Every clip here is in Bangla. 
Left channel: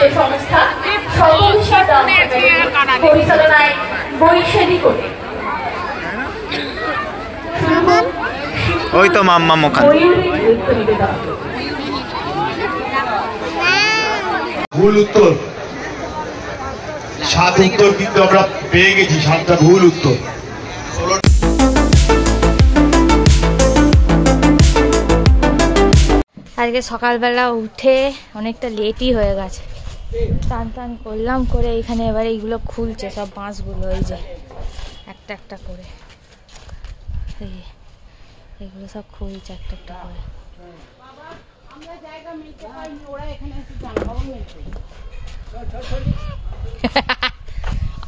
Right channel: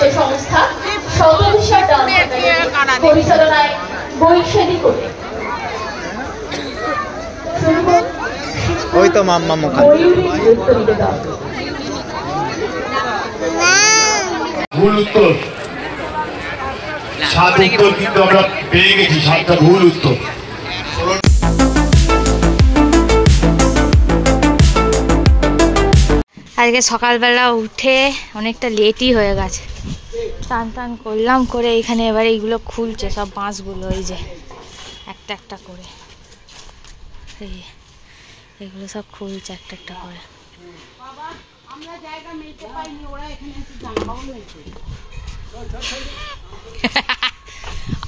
যে সংস্থা সর্ববিষয় পরিচালনায় বৈশালী করে ওই তো মাম্মা মোখান ভুল উত্তর, 7 উত্তর কিন্তু আমরা পেয়ে গেছি, 7টা ভুল উত্তর। আজকে সকালবেলা উঠে অনেকটা লেটই হয়ে গেছে, টান টান করলাম করে এখানে এবার এইগুলো খুলছে সব বাঁশগুলো, এই যে একটা একটা করে এগুলো সব খুলছে একটা একটা করে।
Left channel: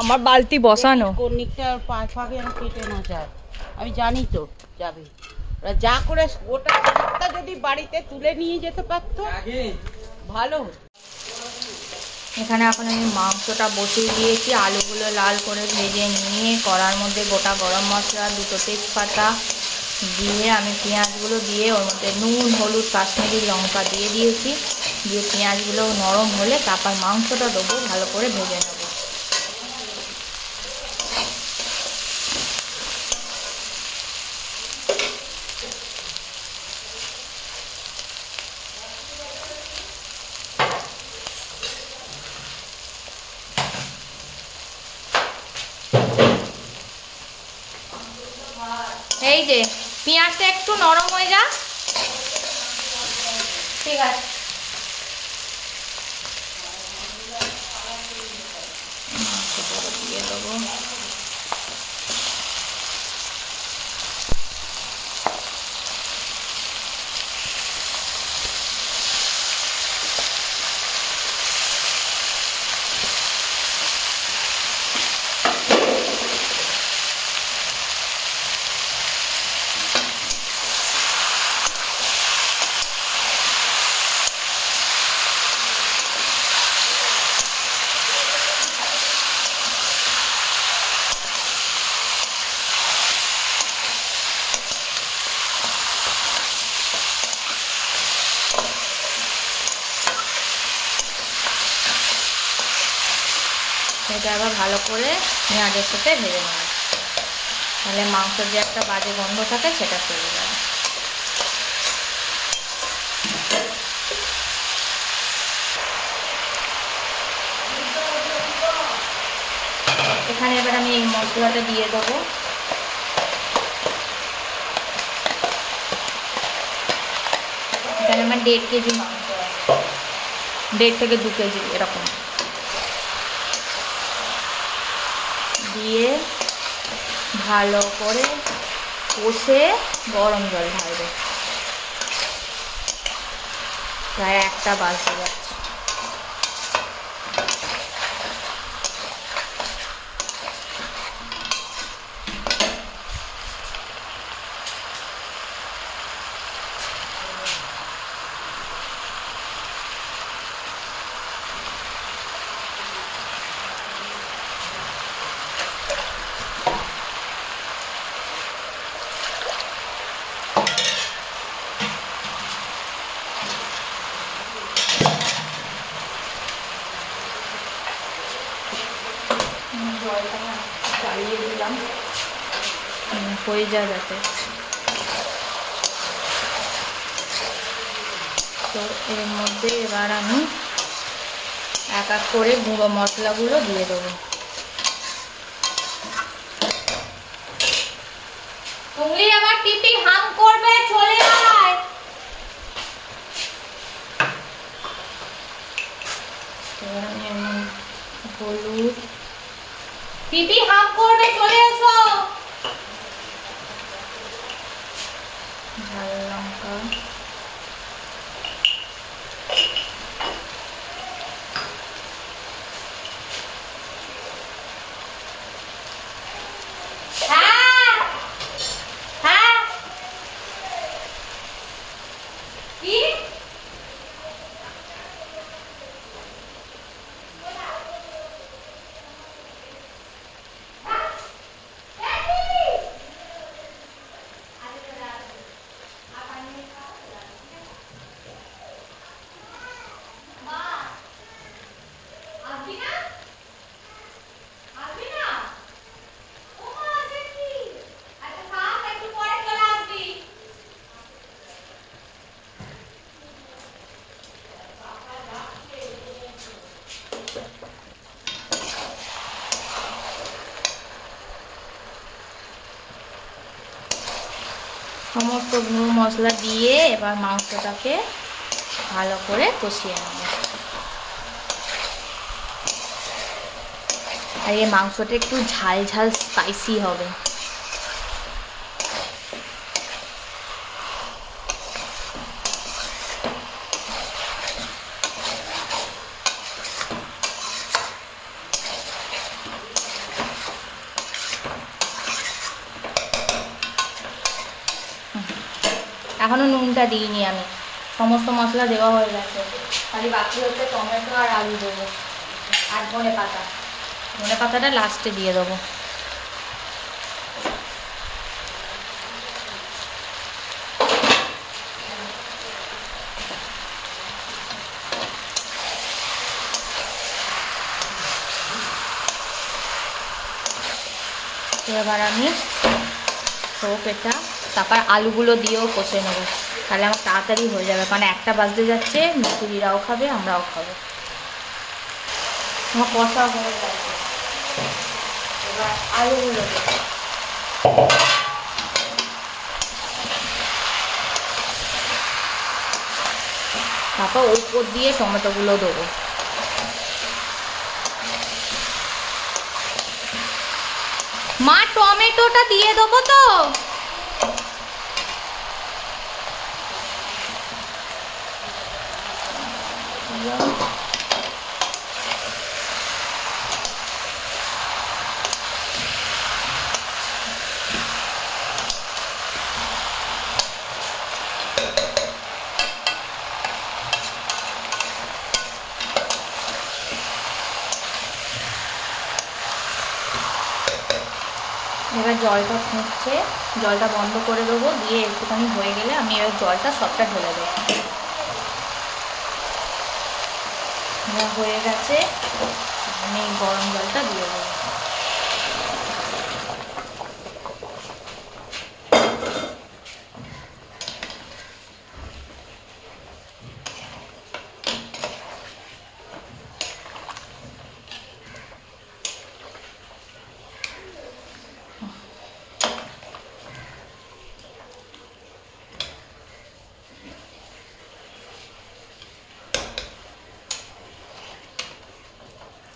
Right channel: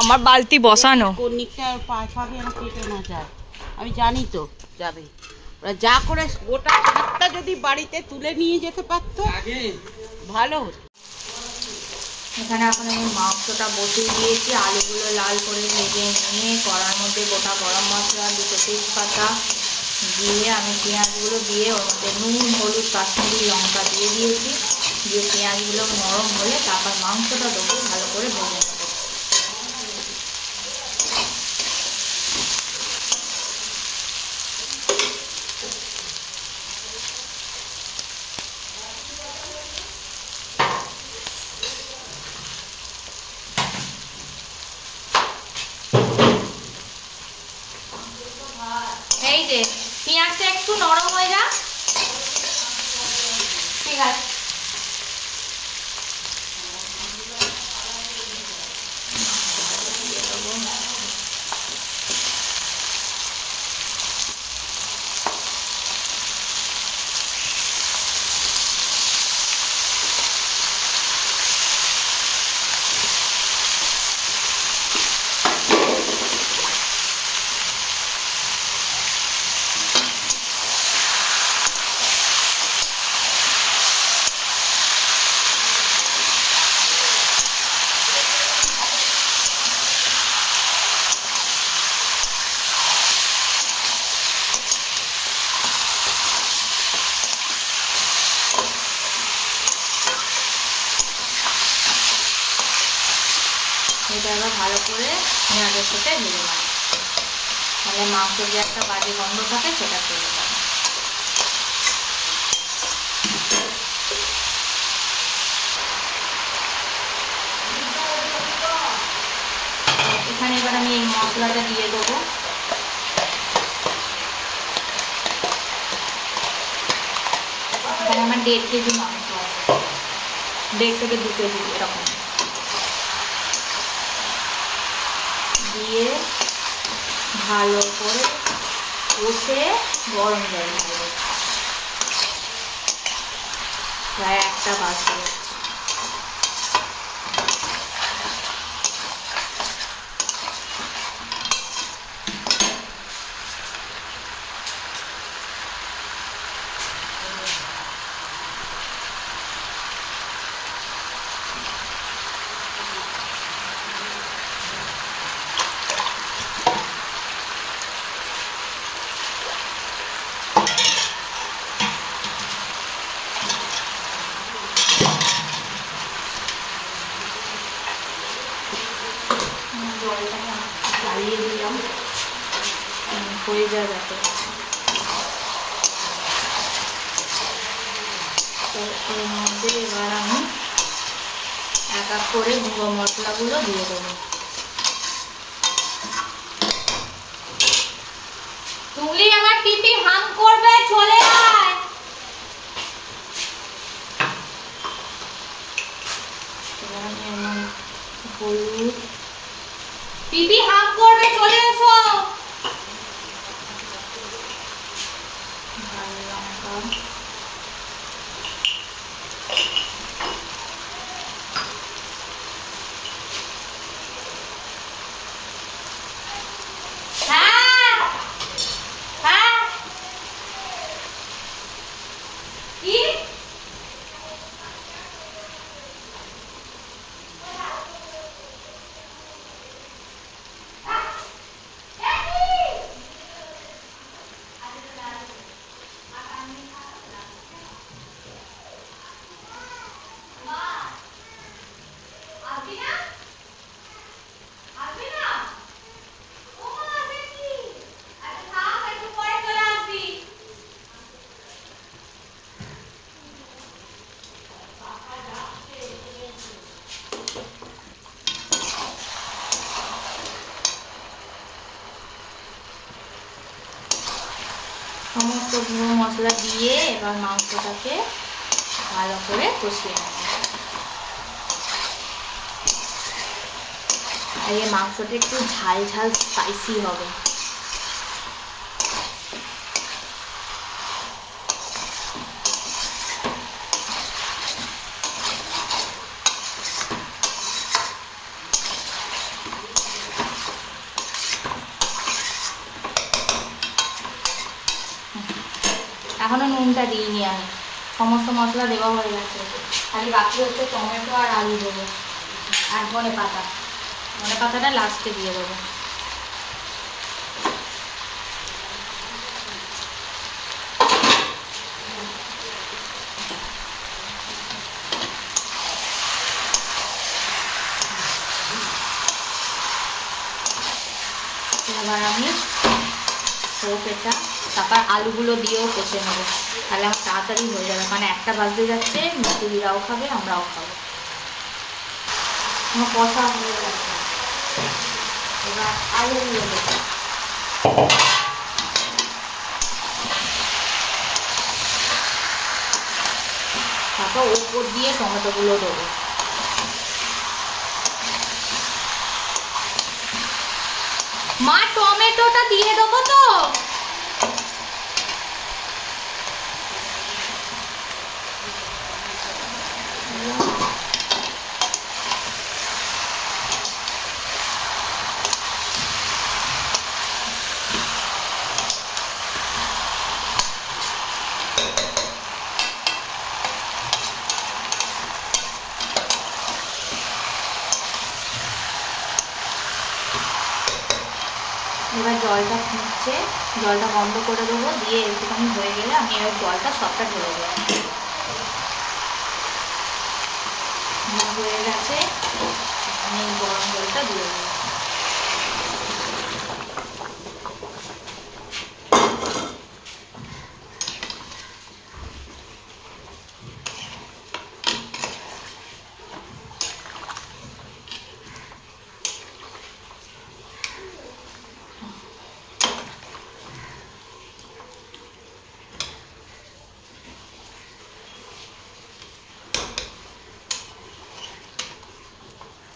আমার বালতি বসানো, আমি জানি তো যাবে, যা করে গোটা ভাতটা যদি বাড়িতে তুলে নিয়ে যেতে পারতো ভালো। এখানে এখন আমি মাংসটা বসিয়ে দিয়েছি, আলুগুলো লাল করে ভেজে নিয়ে কড়ার মধ্যে গোটা গরম মশলা, 2টো তেজপাতা দিয়ে আমি পেঁয়াজগুলো দিয়ে ওর মধ্যে নুন, হলুদ, কাশ্মীরি লঙ্কা দিয়ে দিয়েছি। দিয়ে পেঁয়াজগুলো নরম হলে তারপর মাংসটা দেবো, ভালো করে ভেজে নেবো। এই যে পেঁয়াজটা একটু নরম হয়ে যা, ঠিক আছে। এটা আবার ভালো করে পেঁয়াজের সাথে ভেজে নেব, তাহলে মাংসের যে একটা বাজে গন্ধ থাকে সেটা চলে যাবে। এখানে এবার আমি এই মশলাটা দিয়ে দেবো। এখানে আমার 1.5 কেজি মাংস আছে, 1.5 থেকে 2 কেজি এরকম দিয়ে ভালো করে কষে গরম জল ঢালবে, প্রায় 1টা বাজতে যাচ্ছে। চালিয়ে দিলাম হয়ে যাবে যাতে। তো এর মধ্যে এবার আমি এক এক করে গুঁড়ো মশলাগুলো দিয়ে দেবো। তুমি আমার টিপি হাম করবে, চলে আয়। হলুদ, পিপি হাম করবে, চলে এসো। ভালো লঙ্কা, সমস্ত গুঁড়ো মশলা দিয়ে এবার মাংসটাকে ভালো করে কষিয়ে নেব। আর এই মাংসটা একটু ঝাল ঝাল স্পাইসি হবে। এখনো নুনটা দিইনি আমি, সমস্ত মশলা দেওয়া হয়ে গেছে, খালি বাকি হচ্ছে টমেটো আর আলু দেবো আর ধনে পাতাটা লাস্টে দিয়ে দেবো। এবার আমি সরষেটা তারপর আলুগুলো দিয়েও কষে নেব, তাহলে আমার তাড়াতাড়ি হয়ে যাবে, কারণ একটা বাজতে যাচ্ছে, মিস্ত্রিরাও খাবে আমরাও খাবো। আমার কষা হয়ে যাচ্ছে, এবার আলুগুলো দেবো। তারপর ওর উপর দিয়ে টমেটোগুলো দেবো। মা টমেটোটা দিয়ে দেবো তো? এবার জলটা ফুটছে, জলটা বন্ধ করে দেবো, দিয়ে একটুখানি হয়ে গেলে আমি এবার জলটা সবটা ঢেলে দেবো। হয়ে গেছে, আমি গরম জলটা দিয়ে দেবো।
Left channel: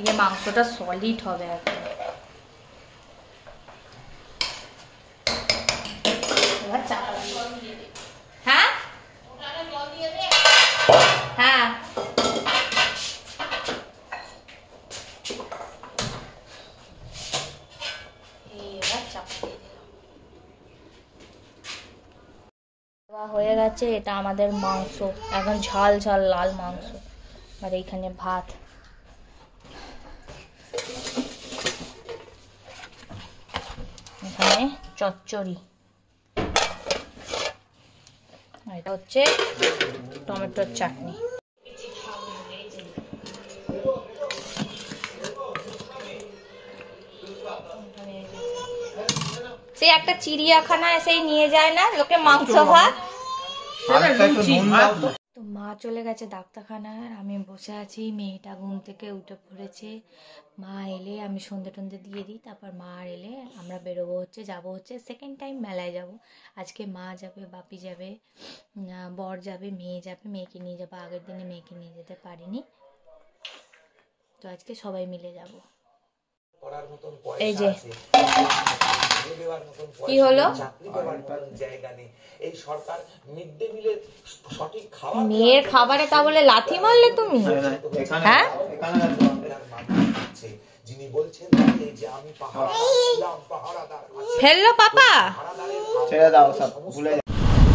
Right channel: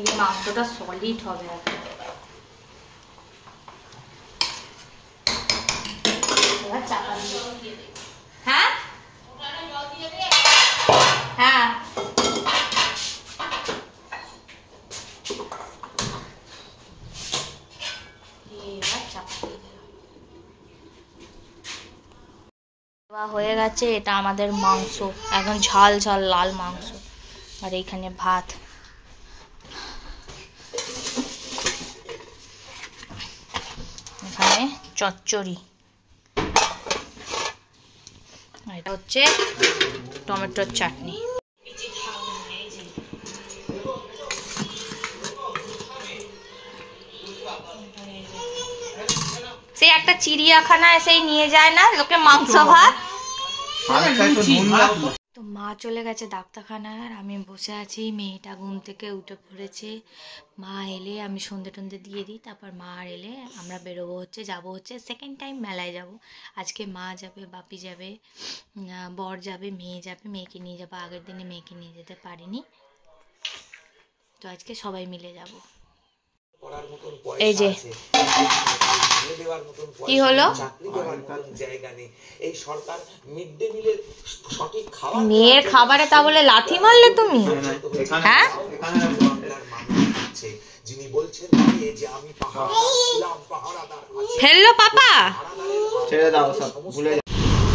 এই মাংসটা সলিড হবে এখন। হ্যাঁ হ্যাঁ হয়ে গেছে। এটা আমাদের মাংস, একদম ঝাল ঝাল লাল মাংস, আর এইখানে ভাত। এখানে চচ্চড়ি, আর এটা হচ্ছে টমেটোর চাটনি। সেই একটা চিড়িয়াখানায় সেই নিয়ে যায় না লোকে মাংস ভাত। তো মা চলে গেছে ডাক্তারখানায়, আর আমি বসে আছি, মেয়েটা ঘুম থেকে উঠে পড়েছে। মা এলে আমি সন্ধে টন্ধে দিয়ে দিই, তারপর মা আর এলে আমরা বেরোবো, যাবো সেকেন্ড টাইম মেলায় যাব। আজকে মা যাবে, বাপি যাবে, বর যাবে, মেয়ে যাবে, মেয়েকে নিয়ে যাবো। আগের দিনে মেয়েকে নিয়ে যেতে পারিনি, তো আজকে সবাই মিলে যাব। এই যে কি হলো, মেয়ের খাবারে তা বলে লাথি মারলে তুমি? হ্যাঁ ফেললো পাপা?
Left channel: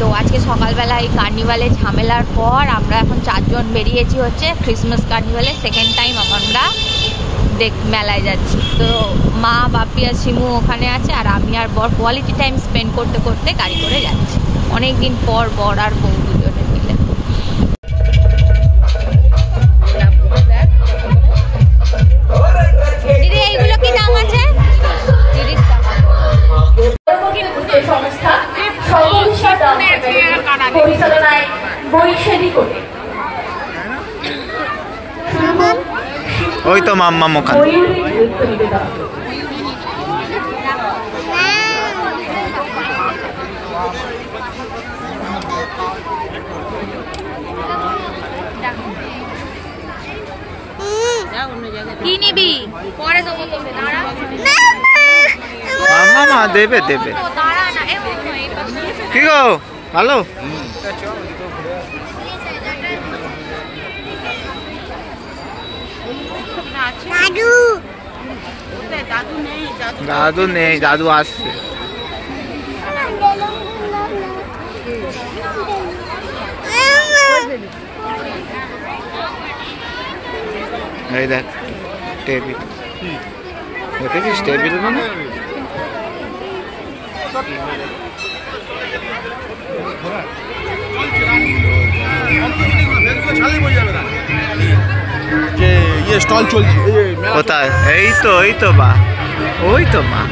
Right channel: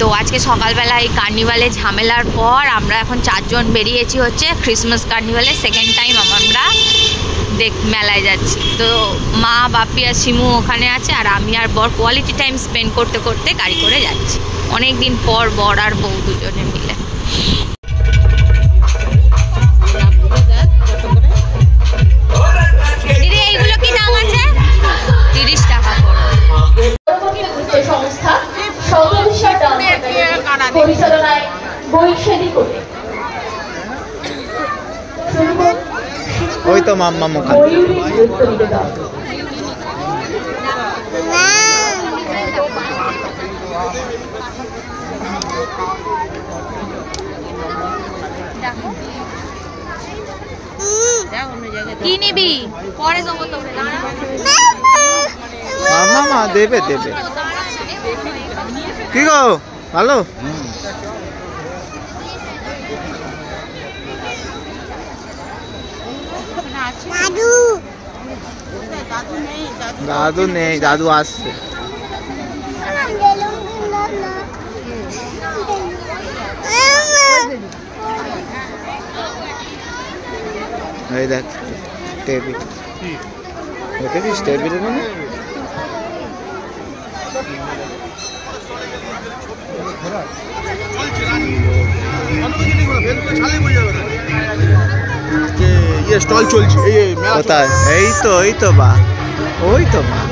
তো আজকে সকালবেলা এই কার্নিভালে ঝামেলার পর আমরা এখন 4 জন বেরিয়েছি ক্রিসমাস কার্নিভালে। সেকেন্ড টাইম আমরা মেলায় যাচ্ছি। তো মা, বাপি আর শিমু ওখানে আছে, আর আমি আর বর কোয়ালিটি টাইম স্পেন্ড করতে করতে গাড়ি করে যাচ্ছি। অনেক দিন পর বর আর বউ দুজনে মিলে। দিদি এইগুলো কি দাম আছে? 30 টাকা সংস্থা সর্ববিষয় পরিচালনায় বৈষয়িক করে ওই তো মাম্মা মোখান। কি নিবি পরে দেবো তোকে মা দেবে দেবে কি গো ভালো দাদু নেই দাদু আসছে এই দেখ টেবিল দেখেছিস টেবিল মানে স্টল চলছে কোথায় এই তো বা ওই তো মা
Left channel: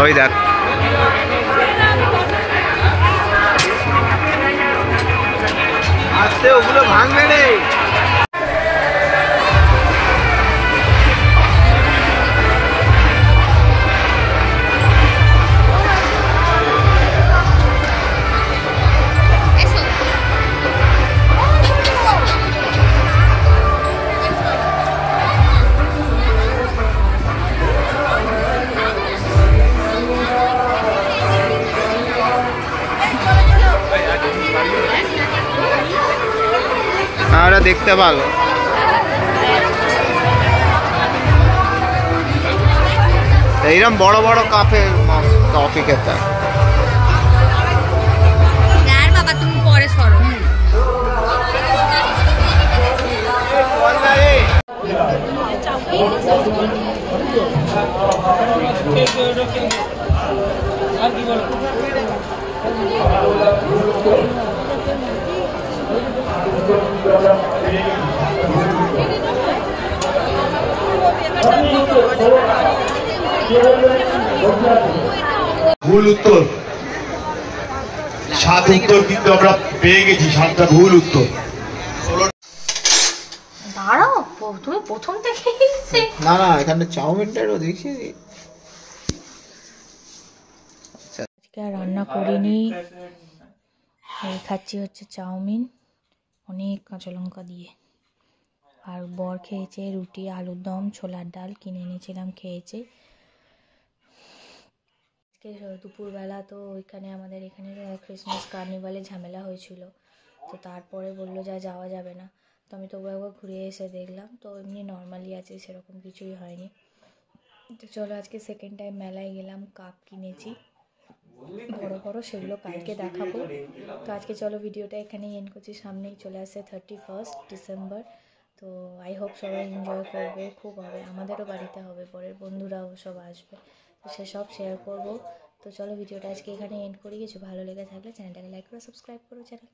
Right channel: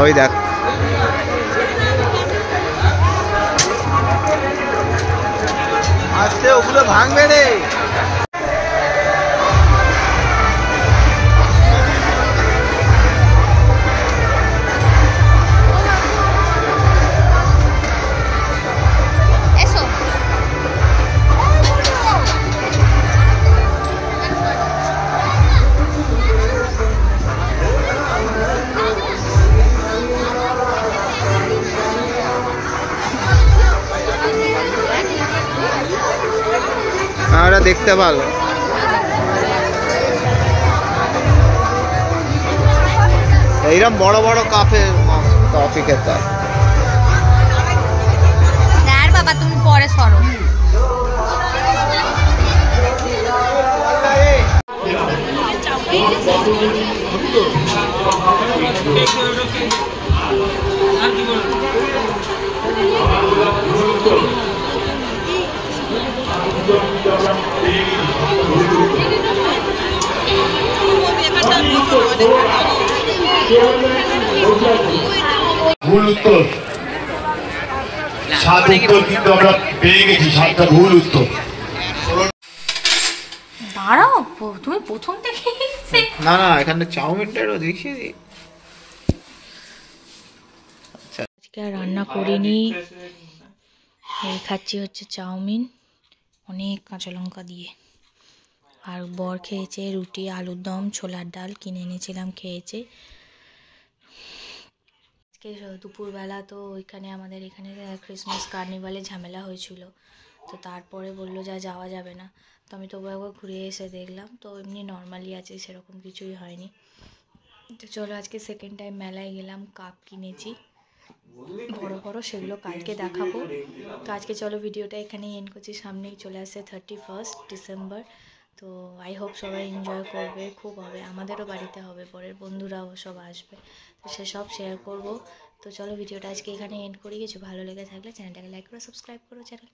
ওই দেখ ওগুলো ভাঙবে রে ওরা দেখতে ভালো এইরকম বড় বড় কাপে কফি খেতে বাবা তুমি পরে সরো ভুল উত্তর 7 উত্তর কিন্তু আমরা পেয়ে গেছি 7টা ভুল উত্তর দাঁড়াও তুমি প্রথম থেকে না এখানে চাউমিনটাও দেখিয়ে দিই আজকে আর রান্না করিনি এই খাচ্ছি হচ্ছে চাউমিন অনেক কাঁচা লঙ্কা দিয়ে আর বর খেয়েছে রুটি আলুর দম ছোলার ডাল কিনে এনেছিলাম খেয়েছে আজকে দুপুরবেলা তো ওইখানে আমাদের এখানে ক্রিসমাস কার্নিভালে ঝামেলা হয়েছিল তো তারপরে বললো যাওয়া যাবে না তো আমি তবু একবার ঘুরে এসে দেখলাম তো এমনি নর্মালি আছে সেরকম কিছুই হয়নি তো চলো আজকে সেকেন্ড টাইম মেলায় গেলাম কাপ কিনেছি বড় সেগুলো কালকে দেখাবো তো আজকে চলো ভিডিওটা এখানেই এন্ড করছি সামনেই চলে আসছে 31 ডিসেম্বর তো আই হোপ সবাই এনজয় করবে খুব হবে আমাদেরও বাড়িতে হবে পরের বন্ধুরাও সব আসবে তো সেসব শেয়ার করব তো চলো ভিডিওটা আজকে এখানে এন্ড করি কিছু ভালো লেগে থাকলে চ্যানেলটাকে লাইক করে সাবস্ক্রাইব করো channel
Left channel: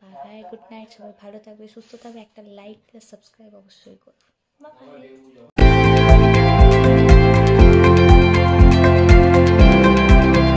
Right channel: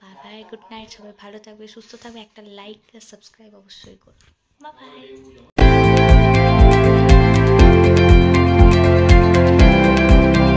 bye bye good night সবাই ভালো থাকবে সুস্থ থাকবে একটা লাইক আর সাবস্ক্রাইব অবশ্যই করো বাই বাই